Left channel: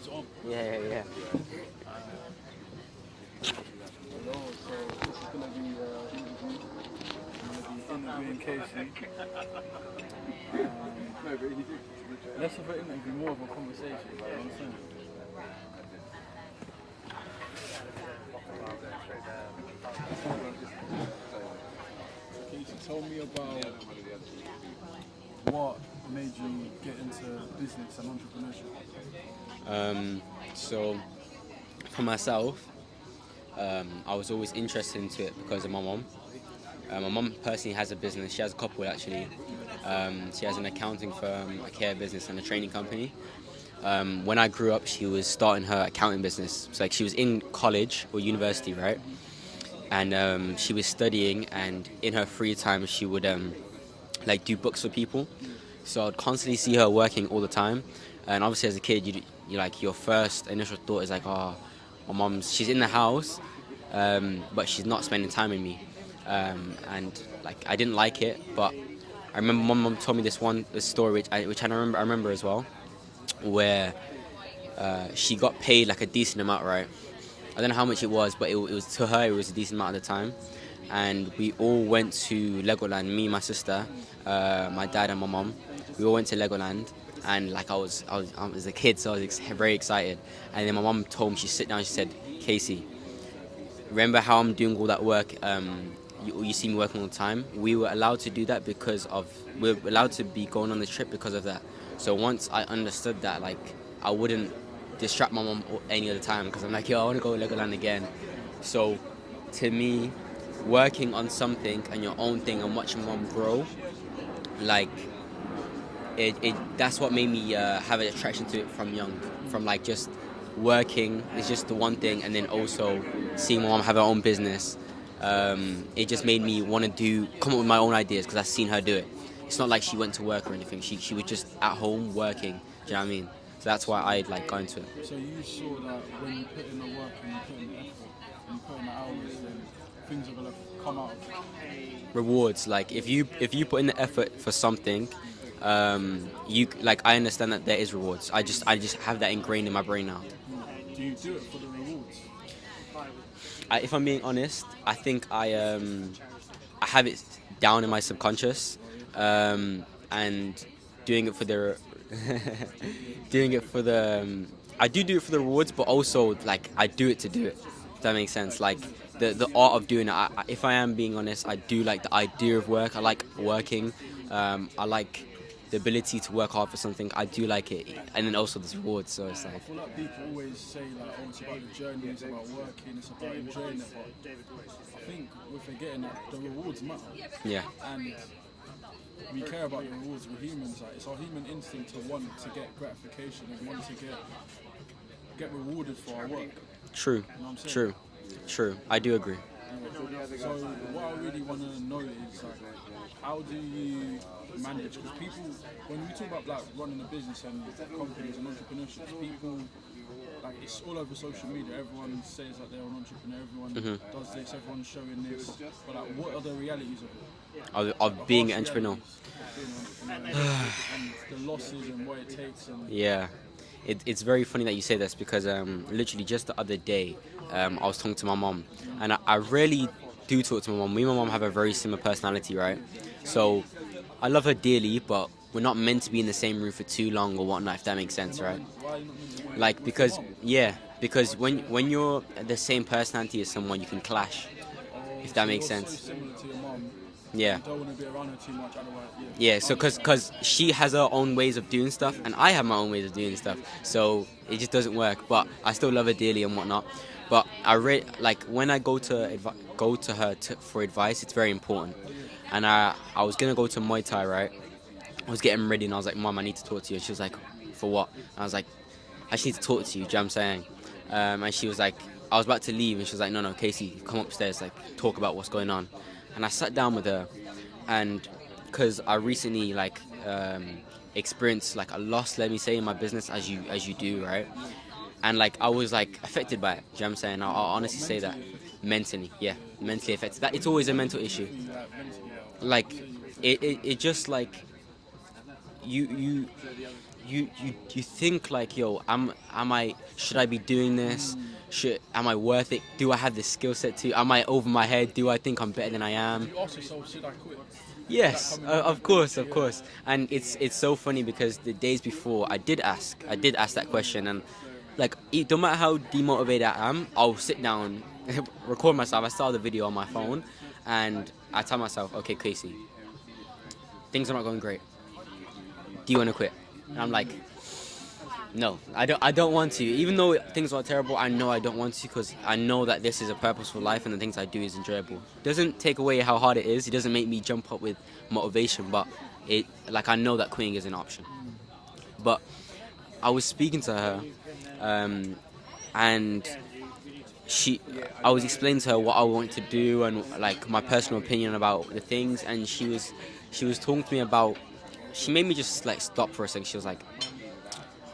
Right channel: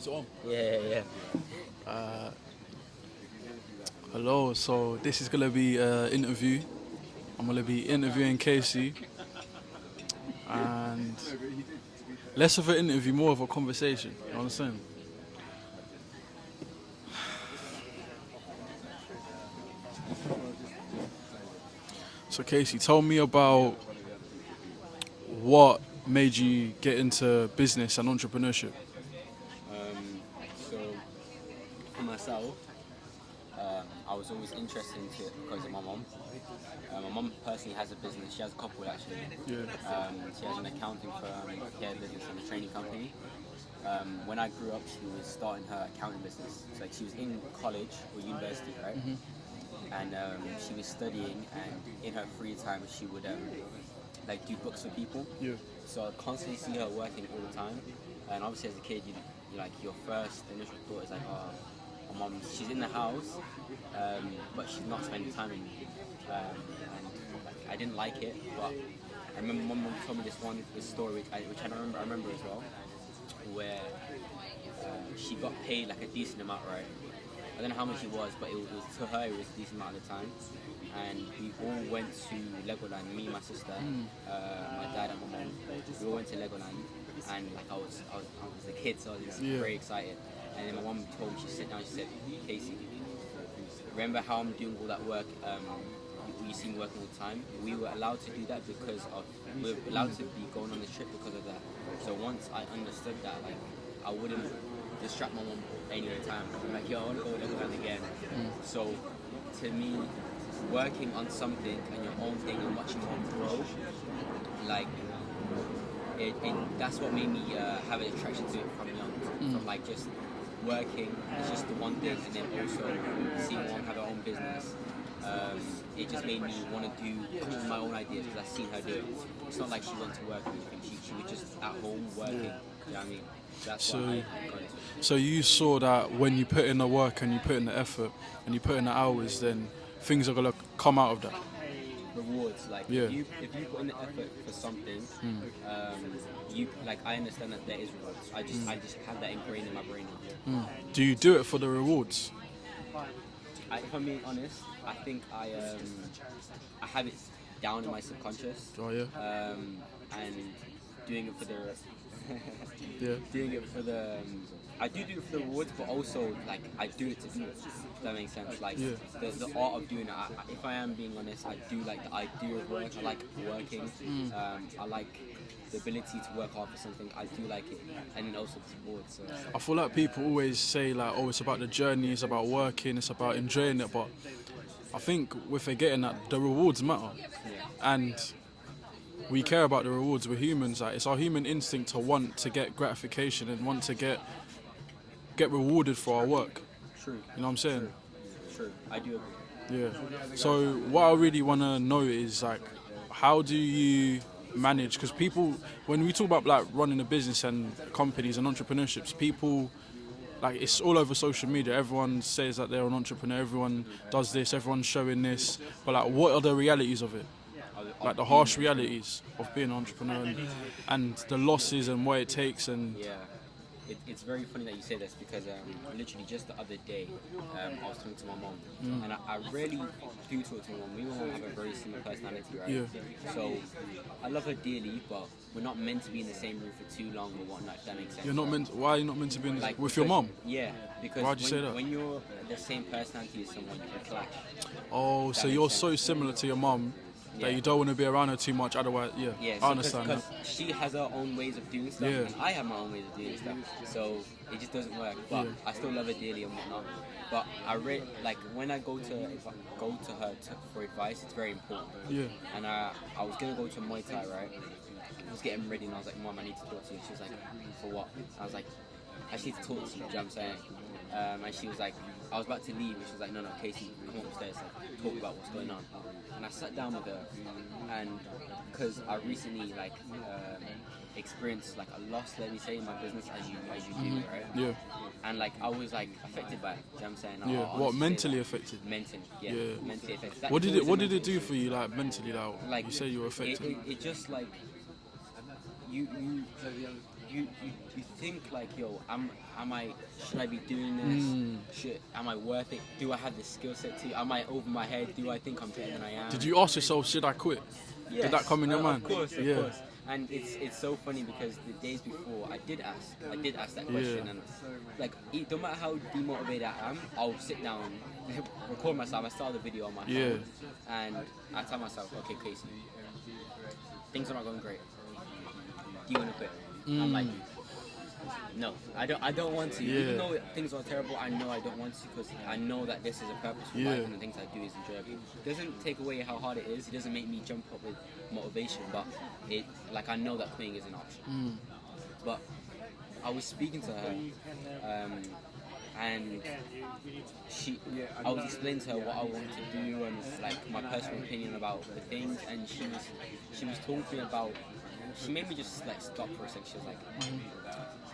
So, Yeah. hello. So this is gonna be an interview. I'm gonna be interviewing Casey, and less of an interview, more of a conversation. You understand? So Casey, tell me about what made you get into business and entrepreneurship. Um, so for myself, I was always interested into it because of my mom. My mom personally has a business. She has a couple actually. Yeah. She has an accounting firm, a care business, and a training company. When I grew up, she was starting her accounting business. So like she was in college or university, right? And she was studying, and in her free time, she would like do books for people. Yeah. So I'd constantly see her working all the time. And obviously, as a kid, you like your first initial thought is like, oh, my mom's she's in the house, but she's not spending time with me. And like I didn't like it, but I remember my mom told me this story which I remember as well, where she got paid like a decent amount, right? I don't know how much it was, but it was to her it was a decent amount at the time. And we all went to Legoland. Me, my sister, my dad, and my mom. We all went to Legoland, and like I was a kid, so I was Yeah. very excited. And then my mom told me, she sit down, she said, "Casey, remember how I'm doing all that work? You see me working all the time. We were allowed to do that because of we're allowed to be going on the trip because of that. So once I understood that, like I wouldn't distract my mom any other time because I'm like, yo, I want to go Legoland again. So to me, working on something and your own thing and watching mom grow, like it that's what made me have an attraction to it from young, from like just working is just the one thing, and then also seeing my mom have her own business. It just made me want to come up with my own ideas because I've seen her do it. It's not like she went to work or anything. She was just at home working. Do you know what I mean? So that's why So, I like going to it. so you saw that when you put in the work and you put in the effort and you put in the hours, then things are gonna come out of that. Rewards, like Yeah. if you put in the effort for something, you like I understand that there is rewards. I just have that ingrained in my brain now. Do you do it for the rewards? If I'm being honest, I think I have it down in my subconscious, Oh yeah. and doing it for the Yeah. doing it for the I do it for the rewards, but also like I do it to do it. If that makes sense. Like Yeah. the art of doing it. If I am being honest, I do like the idea of work. I like working. I like the ability to work hard for something. I do like it, and then also the rewards. So it's I like feel like people always say like, oh, it's about the journey, it's about working, it's about enjoying it, but I think we're forgetting that the rewards matter, yeah, and we care about the rewards. We're humans. Like, it's our human instinct to want to get gratification and want to get rewarded for our work. true, You know what I'm saying? true, true. I do agree. Yeah. So what I really want to know is like, how do you manage? Because people, when we talk about like running a business and companies and entrepreneurships, people like it's all over social media. Everyone says that they're an entrepreneur. Everyone does this. Everyone's showing this. But like, what are the realities of it? Like the Of being harsh an entrepreneur. realities of being an entrepreneur and the losses and what it takes and Yeah, it's very funny that you say this because literally just the other day, I was talking to my mom, and I rarely do talk to my mom. Me and my mom have a very similar personality, right? yeah. So I love her dearly, but we're not meant to be in the same room for too long or whatnot, if that makes You're sense, not right? meant. Why are you not meant to be Like with your because mom? yeah, because Why'd you say that? when you're the same personality as someone, you can clash, Oh, if so that makes you're sense. so similar to your mom that Yeah. you don't want to be around her too much. Otherwise, yeah. Yeah, I so because understand. cause she has her own ways of doing stuff, Yeah. and I have my own ways of doing stuff, so it just doesn't work. But Yeah. I still love her dearly and whatnot. But like when I go to her for advice, it's very important. Yeah. And I was gonna go to Muay Thai, right? I was getting ready, and I was like, Mom, I need to talk to you. And she was like, For what? And I was like, I just need to talk to you. Do you know what I'm saying? And she was like, I was about to leave, and she was like, No, Casey, come upstairs, like talk about what's going on. And I sat down with her, and because I recently experienced like a loss, let me say, in my business, as you do, right? Yeah. And like I was like affected by it. Do you know what I'm saying? I'll Yeah. What, honestly say that. mentally affected? Mentally, yeah, Yeah. mentally affected. That What it's did it always a What did mental it do issue. for you, like mentally? Like Like you say you were it, affected. it, it just like you you think like, yo, should I be doing this? Am I worth it? Do I have the skill set to? Am I over my head? Do I think I'm better than I am? Did you ask yourself, should I quit? Yes, Did that come in your mind? of course. And it's so funny because the days before I did ask that question, and like, no matter how demotivated I am, I'll sit down, record myself. I start the video on my phone, and I tell myself, okay, Casey, things are not going great. Do you want to quit? And I'm like, no, I don't want to. Even though things are terrible, I know I don't want to, because I know that this is a purposeful life and the things I do is enjoyable. It doesn't take away how hard it is. It doesn't make me jump up with motivation, but I know that quitting is an option. But I was speaking to her, and I was explaining to her what I wanted to do and like my personal opinion about the things, and she was talking to me about. She made me just like stop for a second. She was like,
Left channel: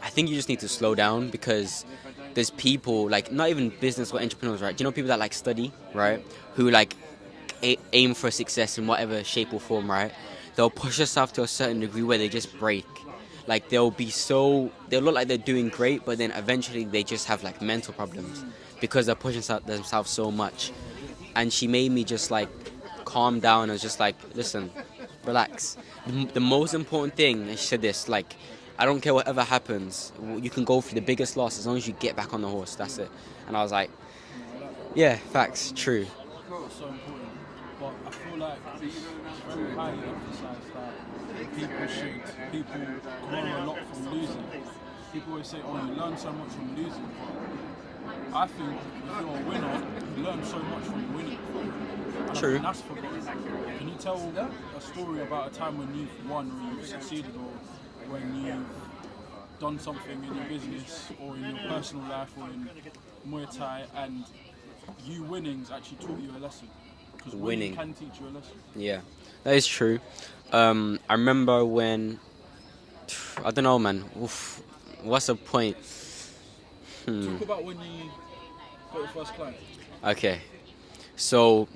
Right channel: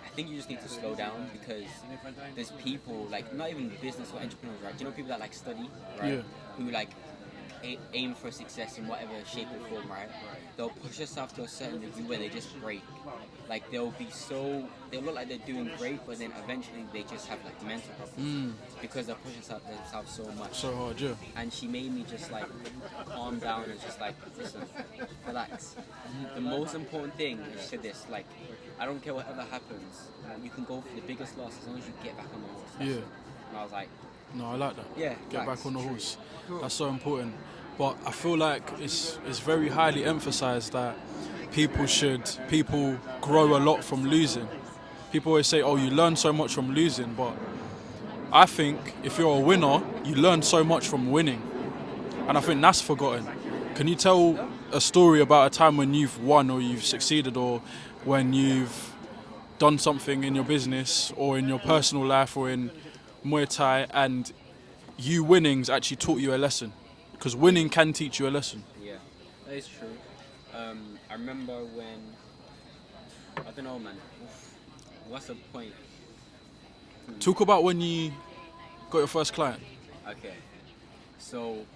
I think you just need to slow down, because there's people, like, not even business or entrepreneurs, right? Do you know people that like study, right? Who like aim for success in whatever shape or form, right? They'll push themselves to a certain degree where they just break. Like they'll look like they're doing great, but then eventually they just have like mental problems because they're pushing themselves so much. So hard, yeah. And she made me just like calm down. And was just like, listen, relax. The most important thing, and she said this, like, I don't care whatever happens, you can go through the biggest loss as long as you get back on the horse. That's it. And I was like, no, I like that. yeah, Get back facts, on the true. horse. That's so important. But I feel like it's very highly emphasized that people grow a lot from losing. People always say, oh, you learn so much from losing, but I think if you're a winner, you learn so much from winning. And I think that's forgotten. Can you tell a story about a time when you've won or you've succeeded, or when you've done something in your business or in your personal life or in Muay Thai, and you winnings actually taught you a lesson? Because winning can teach you a lesson. Yeah, that is true. I remember when, I don't know, man. Oof, what's the point? Talk about when you got your first client. Okay, so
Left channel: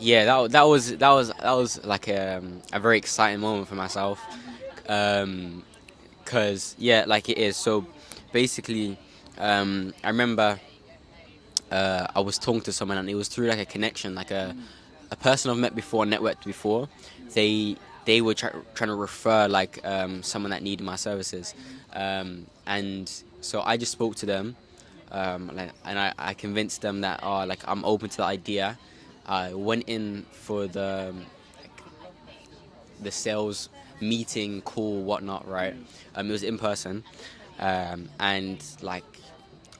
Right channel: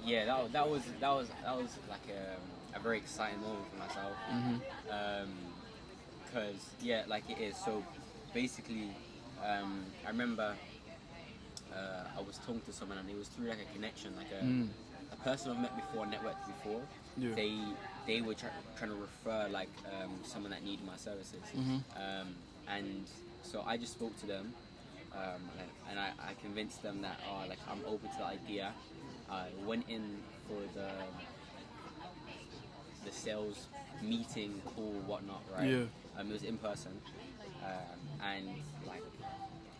yeah, that was like a very exciting moment for myself, cause yeah, like it is. So basically, I remember I was talking to someone, and it was through like a connection, like a person I've met before, networked before. Yeah. They were trying to refer like someone that needed my services, and so I just spoke to them, and I convinced them that like I'm open to the idea. I went in for the sales meeting, call, whatnot, right? Yeah. It was in person, and like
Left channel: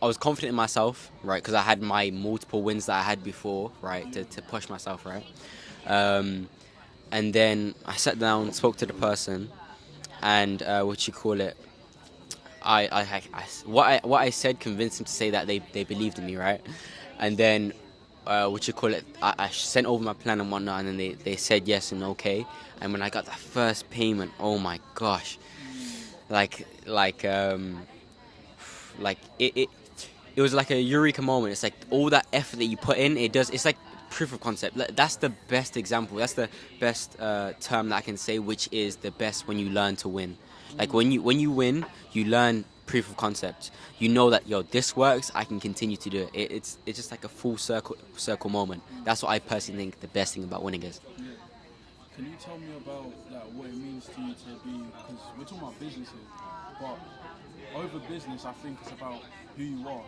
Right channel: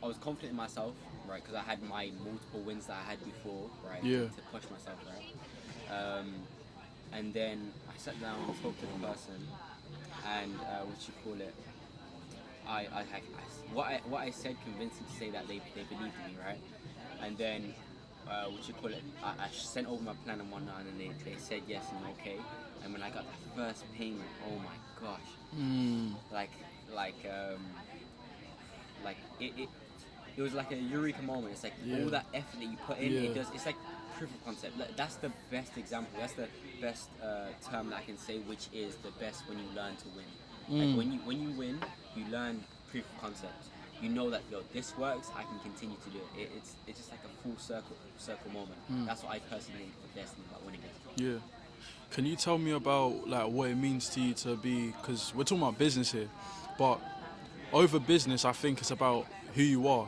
I was confident in myself, right? Because I had my multiple wins that I had before, right? Yeah. To push myself, right? And then I sat down, spoke to the person, and what I said convinced him to say that they believed in me, right? And then I sent over my plan and whatnot, and then they said yes and okay. And when I got the first payment, oh my gosh, it was like a eureka moment. It's like all that effort that you put in, it's like proof of concept. That's the best example. That's the best term that I can say, which is the best when you learn to win. Like when you win, you learn proof of concept. You know that, yo, this works, I can continue to do it. It's just like a full circle moment. That's what I personally think the best thing about winning is. Yeah. Can you tell me about like what it means to you to be, because we're talking about business here, but over business, I think it's about who you are.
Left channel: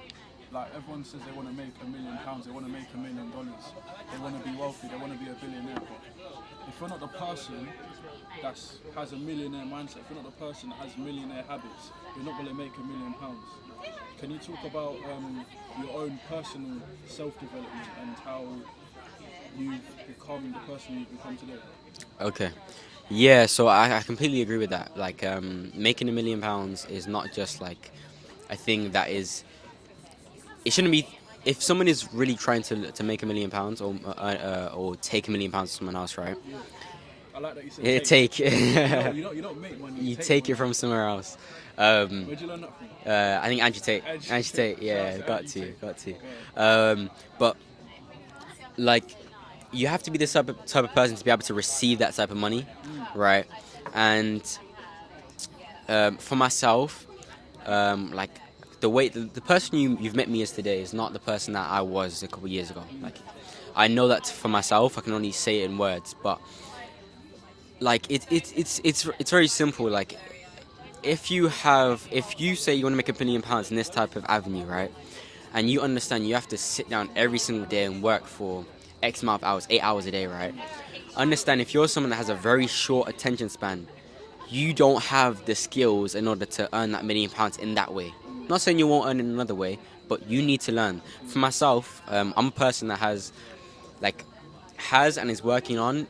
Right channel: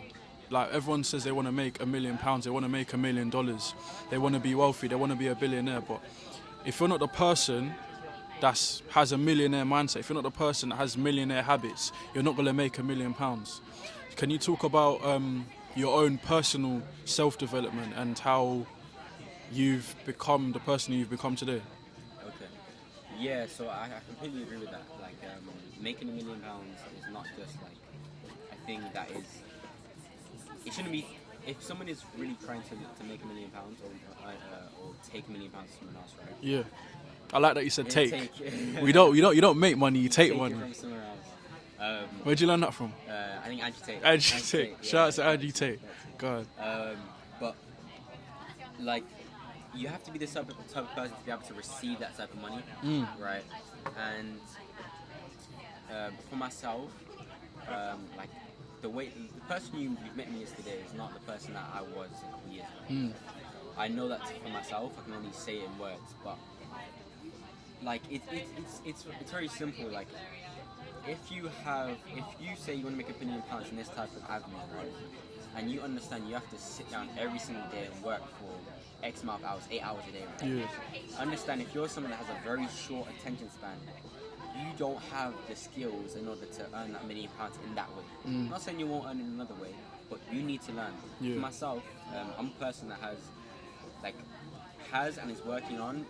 Like everyone says they want to make £1 million, they want to make $1 million, they want to be wealthy, they want to be a billionaire. But if you're not the person that has a millionaire mindset, if you're not the person that has millionaire habits, you're not going to make £1 million. Can you talk about your own personal self-development and how you've become the person you've become today? Okay. Yeah, so I completely agree with that. Like, making £1 million is not just like a thing that is. It shouldn't be. If someone is really trying to make £1 million or take £1 million from someone else, right? Yeah, I like that you said Take. you don't make money. You take money. It from somewhere else. Where'd you learn that from? I think Andrew Tate. Andrew Tate. Yeah, Shout out to Andrew Tate. Got to. Go ahead. But like, you have to be the type of person to be able to receive that type of money, right? And For myself, like the person you've met me as today is not the person that I was a couple years ago. Like, I know that for myself. I can only say it in words, but like it's very simple. Like, if you say you want to make £1 million in this type of avenue, right? And you understand you have to sit down every single day and work for X amount of hours, 8 hours a day, right? Yeah. Understand, if you're someone that has a very short attention span, you don't have the skills in order to earn that £1 million in that way. Not saying you won't earn it another way, but you need to learn. Yeah. For myself, I'm a person that has and is working on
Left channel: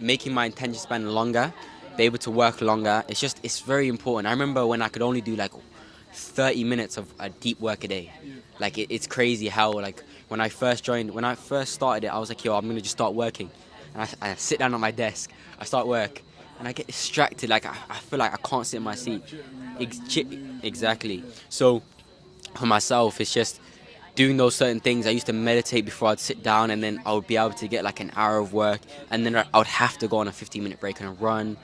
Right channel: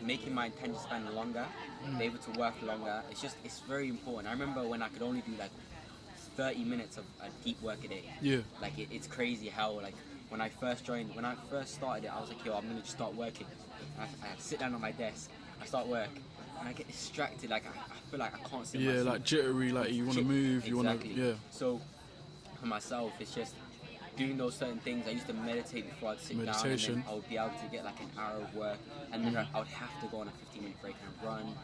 making my attention span longer, be able to work longer. It's very important. I remember when I could only do like 30 minutes of a deep work a day. Yeah. Like, it's crazy how, like, when I first started it, I was like, yo, I'm gonna just start working. And I sit down at my desk, I start work, and I get distracted. Like, I feel like I can't sit in my seat. Like jittery, like you want to move. Exactly. You wanna, So for myself, it's just doing those certain things. I used to meditate before I'd sit down, and then I would be able to get like an hour of work, and then I would have to go on a 15-minute break and a run,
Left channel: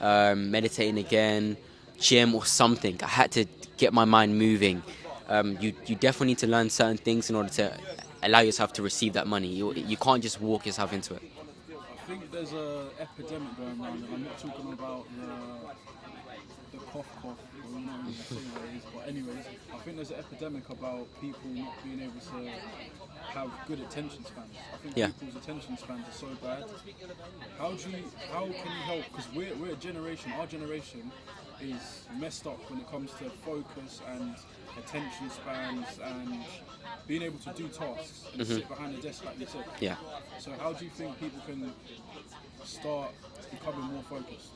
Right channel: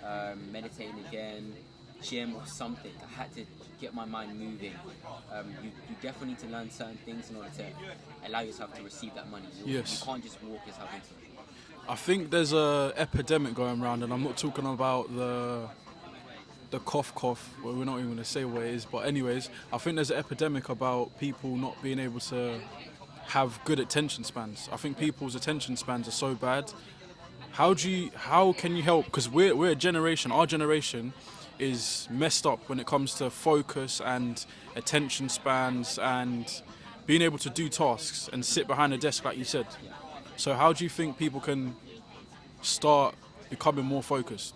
meditating again, gym or something. I had to get my mind moving. You definitely need to learn certain things in order to allow yourself to receive that money. You can't just walk yourself into it. I think there's a epidemic going around, and I'm not talking about the cough, well, we're not even going to say what it is, but anyways, I think there's an epidemic about people not being able to have good attention spans. I think people's attention spans are so bad. How can you help? Because we're a generation, our generation is messed up when it comes to focus and attention spans and being able to do tasks and sit behind a desk like you said. Yeah. So how do you think people can start becoming more focused?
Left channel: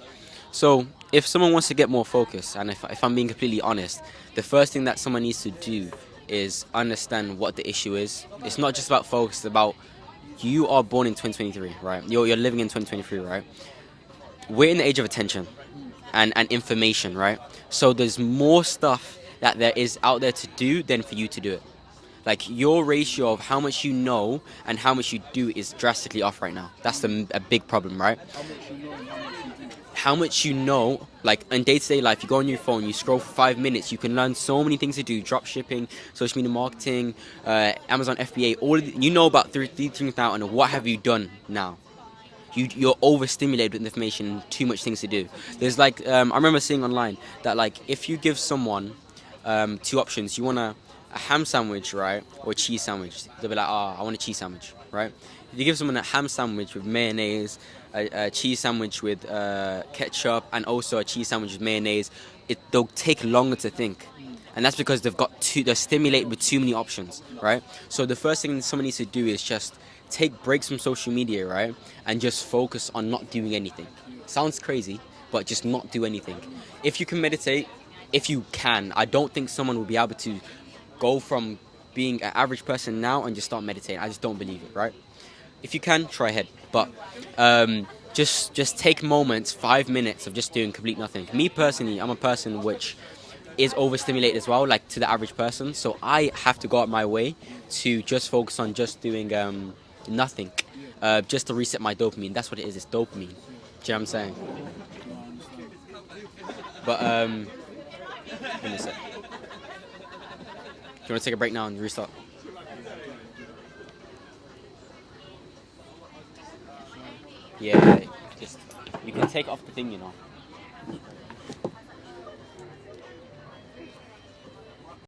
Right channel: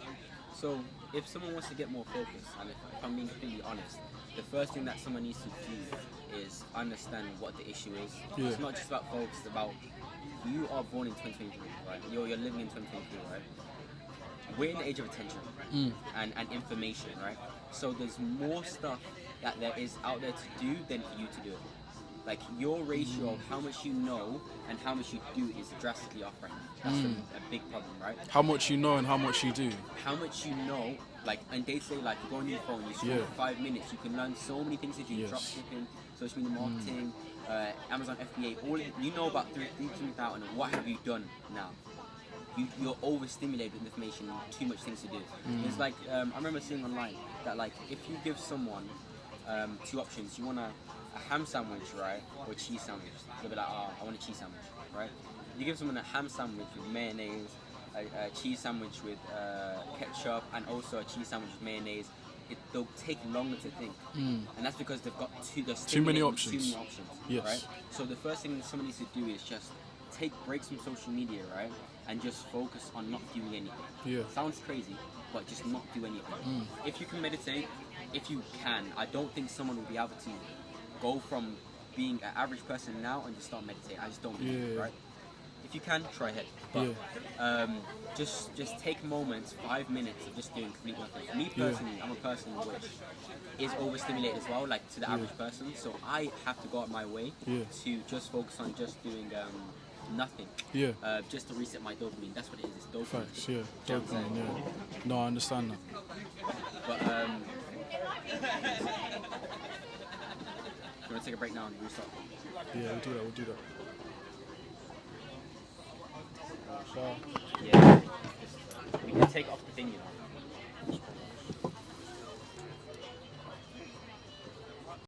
So if someone wants to get more focused, and if I'm being completely honest, the first thing that someone needs to do is understand what the issue is. Yeah. It's not just about focus, it's about, you are born in 2023, right? You're living in 2023, right? We're in the age of attention and information, right? So there's more stuff that there is out there to do than for you to do it. Like, your ratio of how much you know and how much you do is drastically off right now. That's a big problem, right? How much you know and how much you do. How much you know, like in day-to-day life, you go on your phone, you scroll for 5 minutes, you can learn so many things to do: drop shipping, social media marketing, Amazon FBA, you know about 3 things now, and what have you done now? You're overstimulated with information, too much things to do. There's like, I remember seeing online that, like, if you give someone 2 options, you want a ham sandwich, right, or a cheese sandwich, they'll be like, I want a cheese sandwich, right? If you give someone a ham sandwich with mayonnaise, a cheese sandwich with ketchup, and also a cheese sandwich with mayonnaise, they'll take longer to think. And that's because they're stimulated with too many options, right? So the first thing someone needs to do is just take breaks from social media, right, and just focus on not doing anything. Sounds crazy, but just not do anything. If you can meditate, if you can, I don't think someone will be able to go from being an average person now and just start meditating. I just don't believe it, right? If you can, try ahead, but just take moments, 5 minutes of just doing complete nothing. Me personally, I'm a person which is overstimulated as well, like to the average person, so I have to go out my way to just focus on just doing nothing, just to reset my dopamine. That's what it is, it's dopamine. Do you know what I'm saying? No, I understand that. But give me a sec. Do you want to take a break now and restart? Yeah, we'll do that. Yeah, you can take off the thing, you know.